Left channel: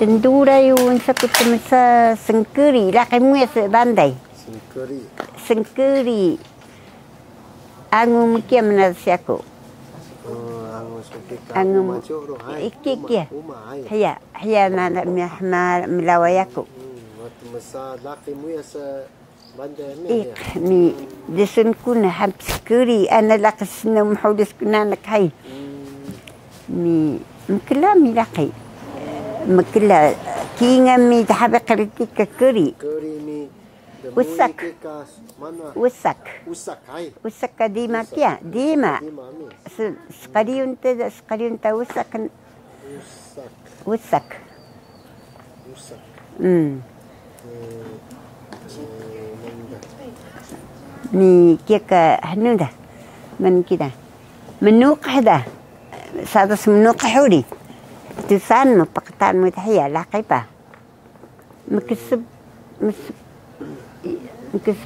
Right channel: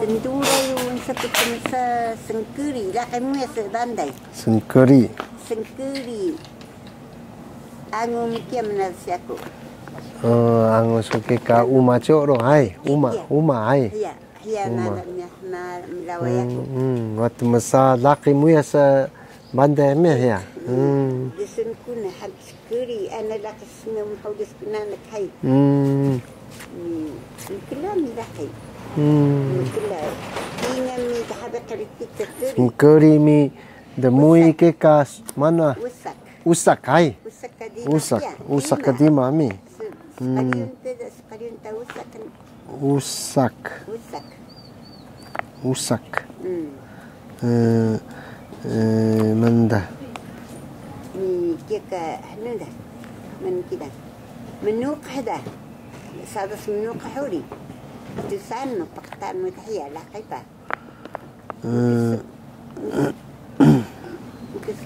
Sendura yung sakit sa sengkeri. Laki mo sa banday. Sengkeri. Sengkeri. Ang mukiam na siya ko. Ang suki ka uma coro hai. Uma hai. Haya na milaway ako. Wat masa laki mo sa banday mo ya. Desun ko na ham sengkeri. Ana lakas na mahudis ko na nakay. Mkila mi laki. Mkila kinga mi tahabe kritik keri. Keri mi demui ke kas mana? Usak. Usak hai. Usak kadima kia. Usak kadima mi. Sekaliun ta usak kan. Usak. Usak. Usak. Manda. Mi kia ka hanu dah. Man kita. Menuk hada. Sadas menuk huri. Tusan mo pakatan mo tahiya lakay pa.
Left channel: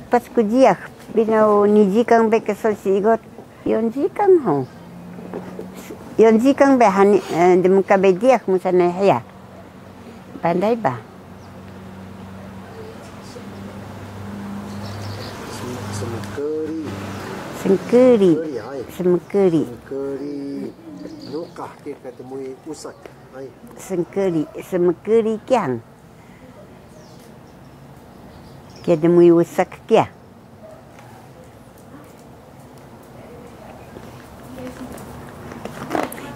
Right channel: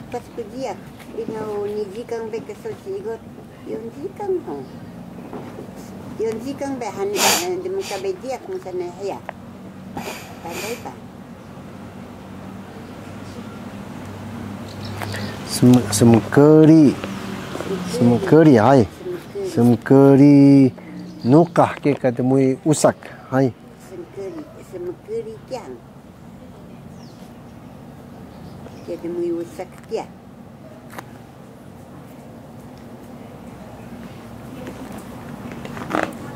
Pas ko diak binaw ni jikang be kesal sigot yon jikang ho. Yon jikang be hani de muka be diak mo sana hiya. Pandai ba? Semkeri. Semkeri hai. Semkeri. Semkeri nukah ke katemui usak hai. Semkeri kiang. Kia demui usak kia.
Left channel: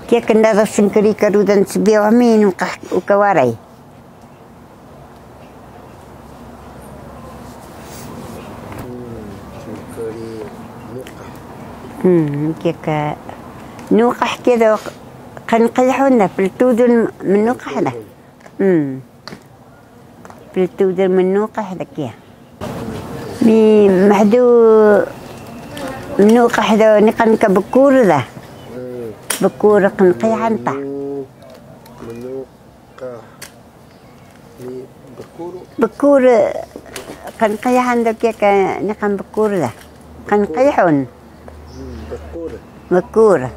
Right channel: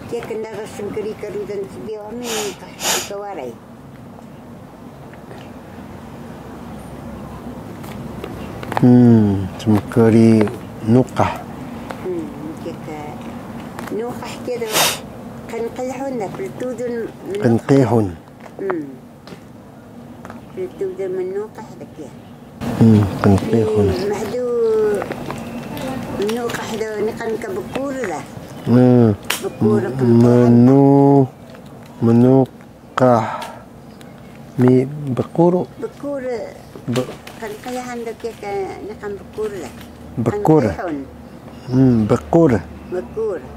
Kia kendara sengkeri karudan sebiawa mi nukah ukawarai. Semkeri nukah. Kia ka nukah kia do kan qiyahun na peltudun menukah. Kan qiyahun. Peltudun menukah da kia. Ni mahdu menukah do ni kan ka bekur dah. Bekur kan qiyahan ta. Menukah mi bekur. Bekur kan qiyahan do kia ka ni kan bekur dah. Kan qiyahun. Bekur. Bekur.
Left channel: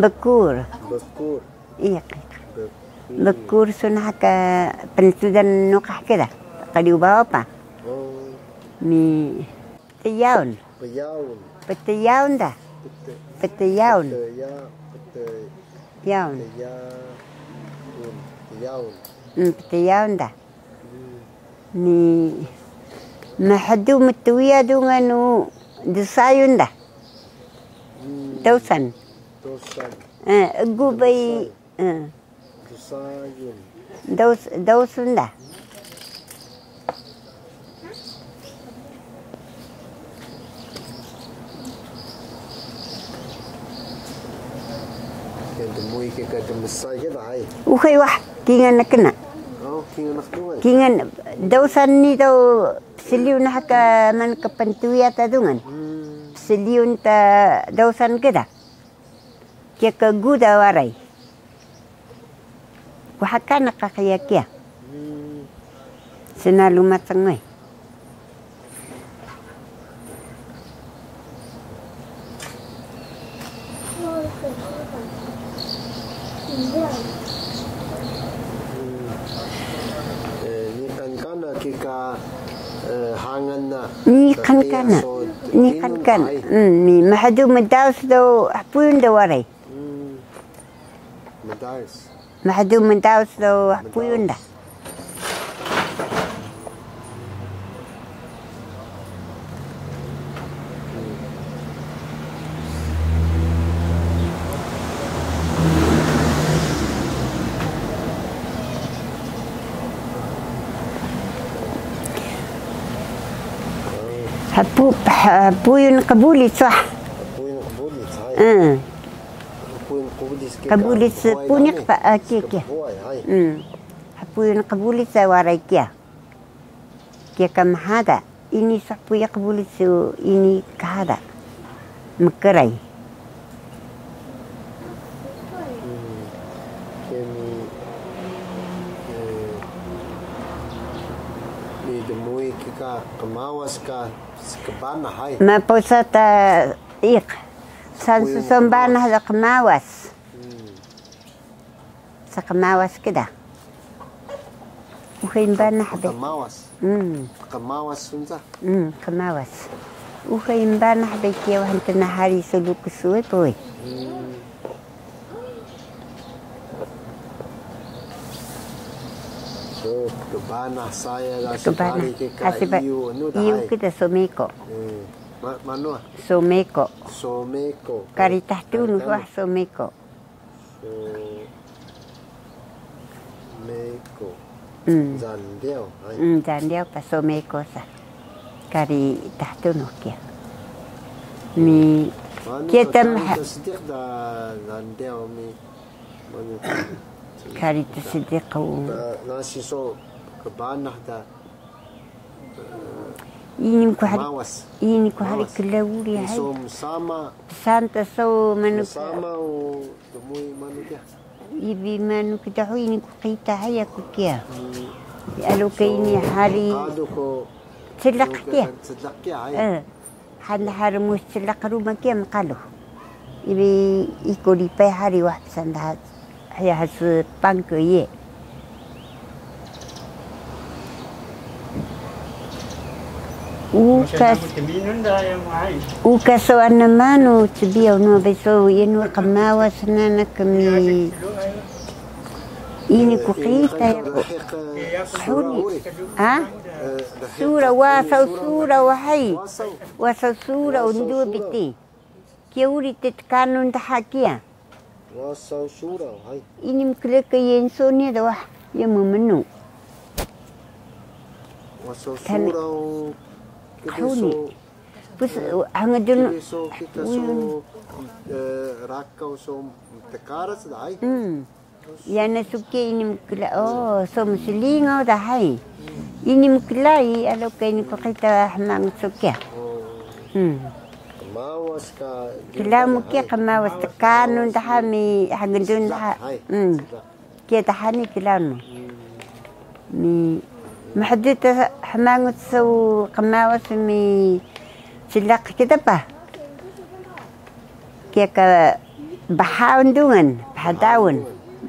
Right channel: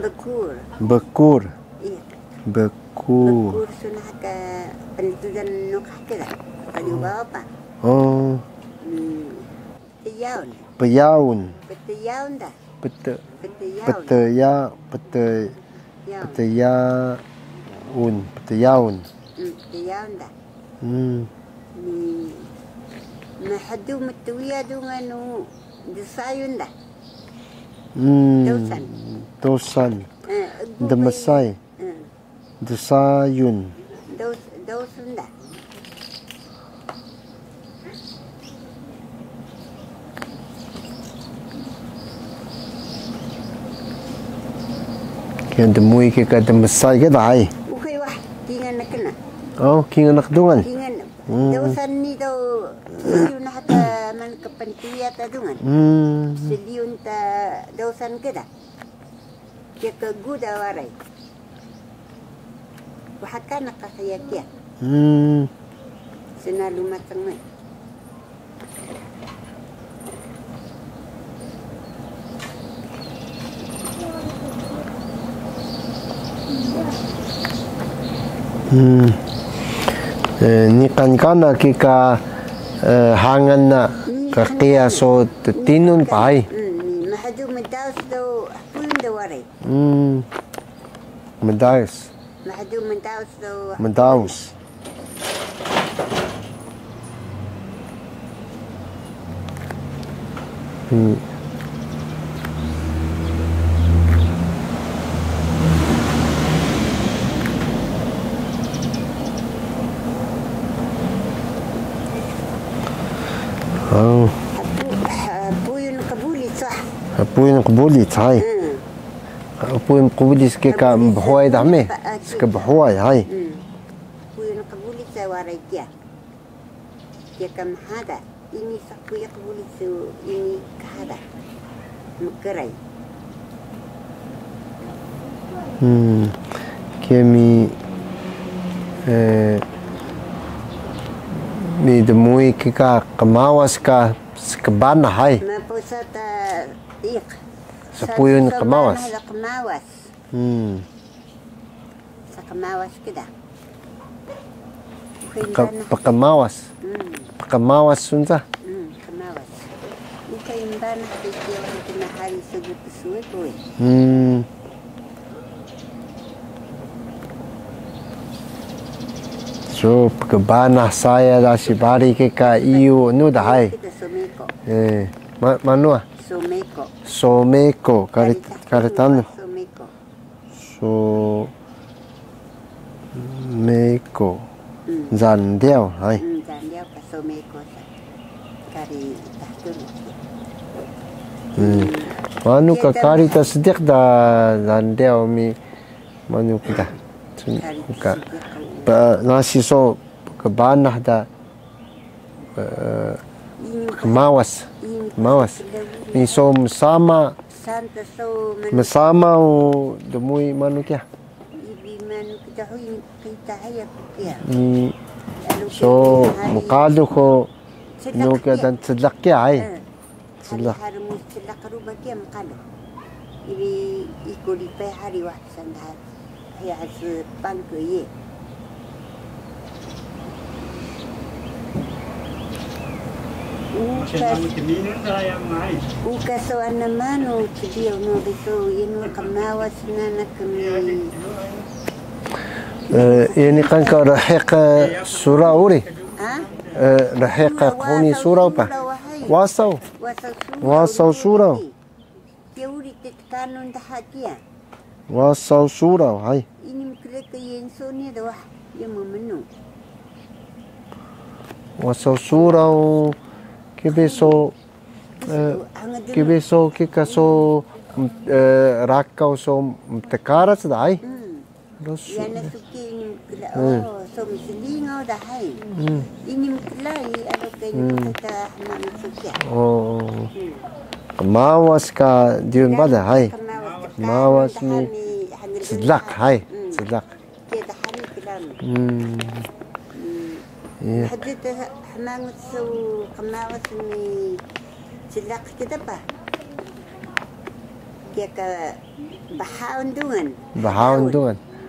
Bekur. Bekur. Iya. Bekur. Bekur sunah ka pensudan nukah kita. Kali ubawa pa. Oh. Ni Petayaun. Peyaun. Petayaun dah. Petayaun. Petayaun. Petayaun dah. Ni mahadu matuya dengan desayun dah. Dausan. Demasai. Desayun. Dausun dah. Kaya demui ke demasai ke dah. Ukay wah kingan nak kena. Oh, kingan nak dungan. Kingan dausan ni tau seliun haka man kepentuya ta dungan. Seliun ta dausan kita. Kia ke guda warai. Wahaka nak kakaya kia. Senalu matang mai. Ni kan kika hangan na kaya so tinun pai. Ni mahadu medaus do pun do warai. Medaus. Mahadu medaus do Medaus. Hapu yun kabuli sah. Hapu yun kabuli hai. Hapu yun kabuli kika bahuay dami. Kika bahuay hai. Hapu yun kabuli sa waray kia. Kia kamahada. Ini sapu ya kabuli sa ini kahada. Makaray. Kia mi demui kika kamawas ka kabana hai. Mapusa ta ik. Sapuyun Sa kamawas. Sa kamawas kita. Pakamawas. Pakamawas sunsa. Kamawas. Ukain banah bekia wahan tena hari sulu kusui poi. So kebanah saya dah sibari ke iu nu dah hai. Kita someko. Manu ah? Someko. Someko. Karitanu. Someko. Someko. Zandiao hai. Zandiao pa someko sa. Kari tahtun kia. Manu ka kari ta sedik dah zandiao mi manu kita. Kari ta sedik kau. Nasi so kebanah dah. Mawas. Mawas. Ini so sama. Santa so bersama demui manu kia. Ibi manu kita hui ni kita haya kia. So kado ko sedlak kia ai. Hari hari mus sedlak rumah kia makalu. Ibi ikut di pai hari wah sandat. Haya hasil pangke ye. Ukas so anamanu tibiau no beso yenu kamawas nana kami. Ini kan kau rahek surau uri. Rahek kuni surau pa. Wasau. Wasau surau. Kia uri tetkanun tahakia. Wasau surau hai. Ini mkele ke yenso ni dah yang memenu. Wasau surau. Kibeso kikaso rakau so tekaras dai. Yana suke ini mukla so muslingo dai. Ini muklai alo kaini pakita hamang suke. Kamawas ka diun bada hai. Kamawas tekanu dahami hagdun hai. Sedlak. Kia dahami kilanu. محدود حمامة سو قماوة مي سلاق كده با كيكا بحاون دون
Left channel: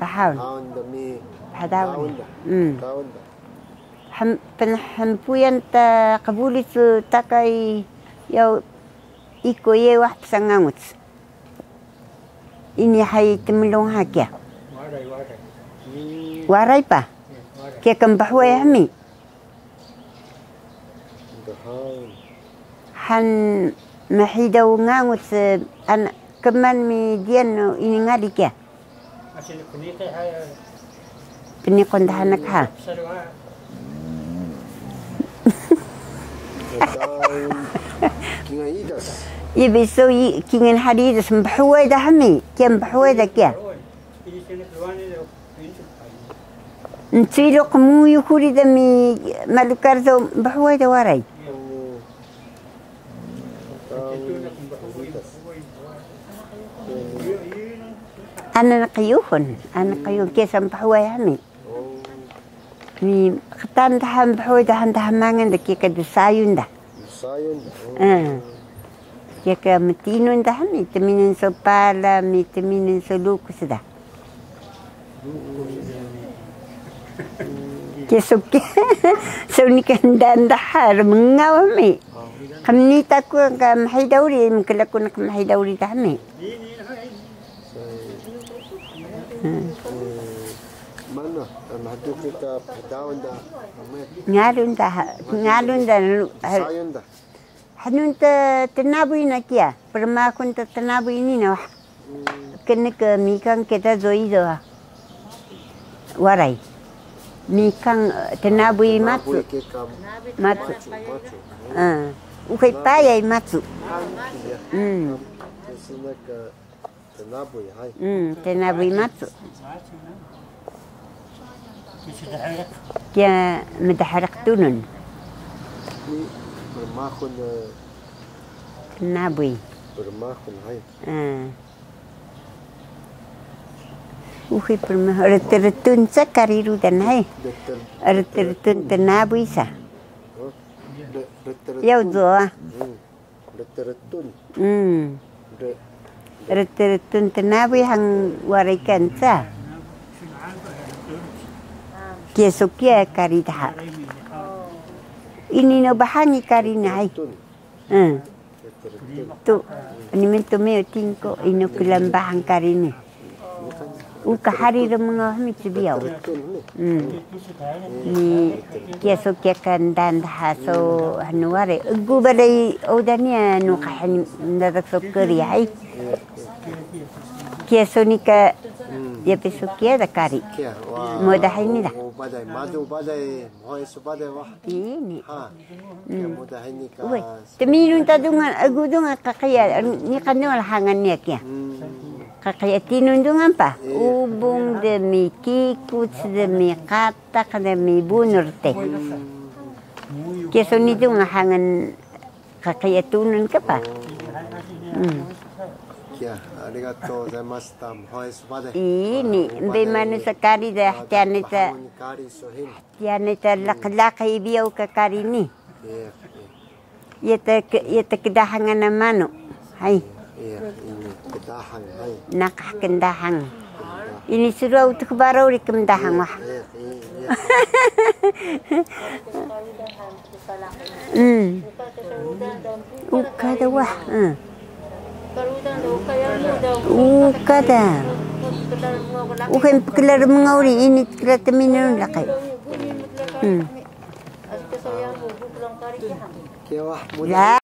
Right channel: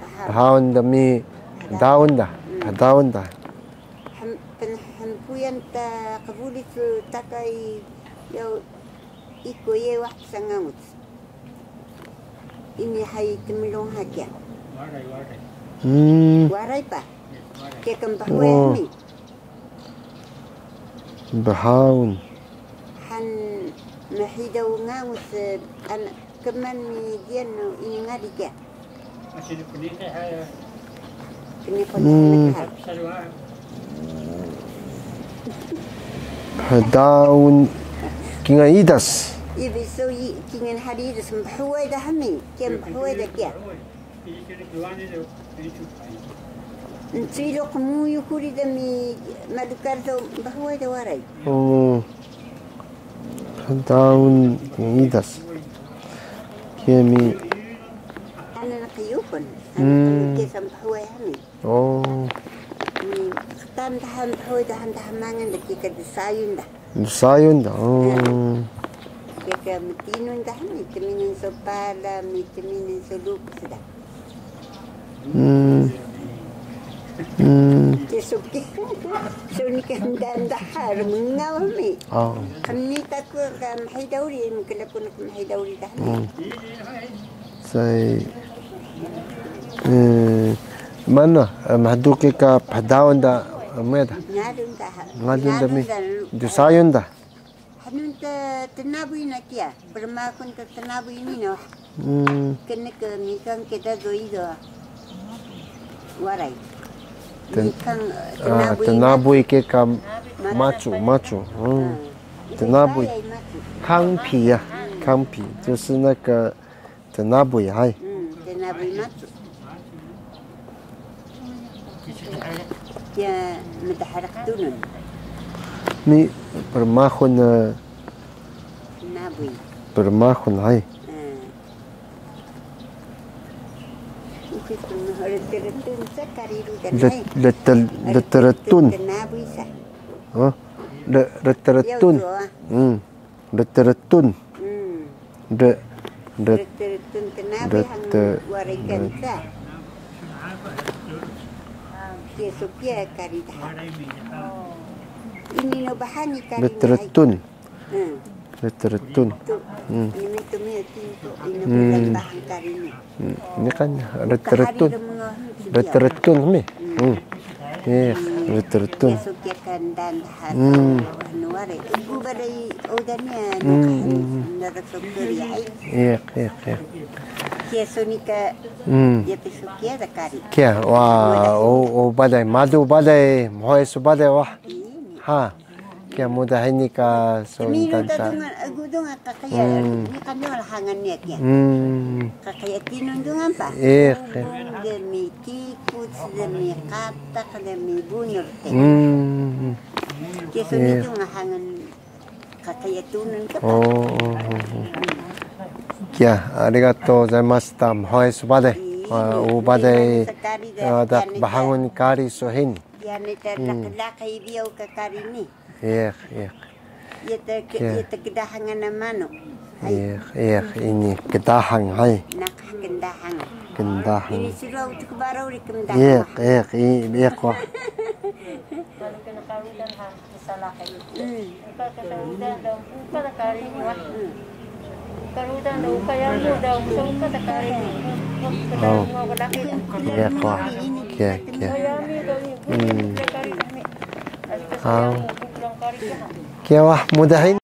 بحاون دمي داون ده حمبويا انت قبولي تاكاي يو إيكو يه واحد سنغاموت إني حي تملون هاكيا واراي با كيكا مبحوي همي بحاون حن محيدا ونغاوت أنا كمان ميديان إني غادي كيا بنيقون لحنك ها داون كينا إيداس يبسو كينا حديدس مبحوي ده همي كيا مبحوي ده كيا نتيلو قمو يكوري دمي مالوكارزو بحوي ده وراي داون إيداس كيمي أنا نقيوهن كيسا بحوي همي مي ختان دحان بحوي دحان دحمانgan ده كيكا دسايون ده كيكا متينون ده همي تمينن سوبالا مي تمينن سلوكس ده Kesuki, sunikan dan dahar mengawami. Kami takut kami hidauri, mungkin kami hidauri kami. Saya mana mahdu kita padawan dah mana? Ngarun dah. Desain dah. Hanun tenabui nak ya, permakun tenabui ini nak. Kena ke mikang kita zoi dah. Warai. Mikang tenabui ke kam macu.会白也matsu。康皮呀，康皮就是那个tenabui hai。tenabui matsu。dia mendahrak tunun. Ni permahun tenabui. Permahun hai. Uhi permah reteretun sakariru dan hai. Reteretun. Tenabui sa. Reteretun. Reteretun. Reteretun tenabui hang warikan sa. Kia sokia kari dah. Ini no bahani kari nai. Betul. Betul. Tu. Ini mentu meo tingko ino kelam bahan kari ni. Ini kan hari remengah mi sedia. Betul mi. Betul. Kia sokia kan dan hato anu are. Gu badai odanya anu kahan ndadak sokeri ai. Iya. Kia sonika dia pesukia da kari. Kia wah. Oh badai madu badai moe su badai wah. Ini. Ha. Kia mudah ini ka. Teminu tadungan agu dungan kakaya ni kanul hangannya kia. Kakaya tinun dungan pa. Ubung demi kikut demi katak demi bunur teh. Kia soni dungan hangan kakaya tunun ke pa. Kia, arigatou gozaimashita. Moe su badai. Ini, dari sekali dah. Bahangun kari so hini. Dia neta laki-laki biau ke kari ni. Iya. Ia te kedahangan mano. Hai. Iya, ini kedahang hai. Nakah kendahang. Kendahang. Ini suruh untuk baru di kendahang wah. Iya. Ukada wah. Ukada. Ukan kelar mengauri ini kita teminun lakai. Kia wah mudah.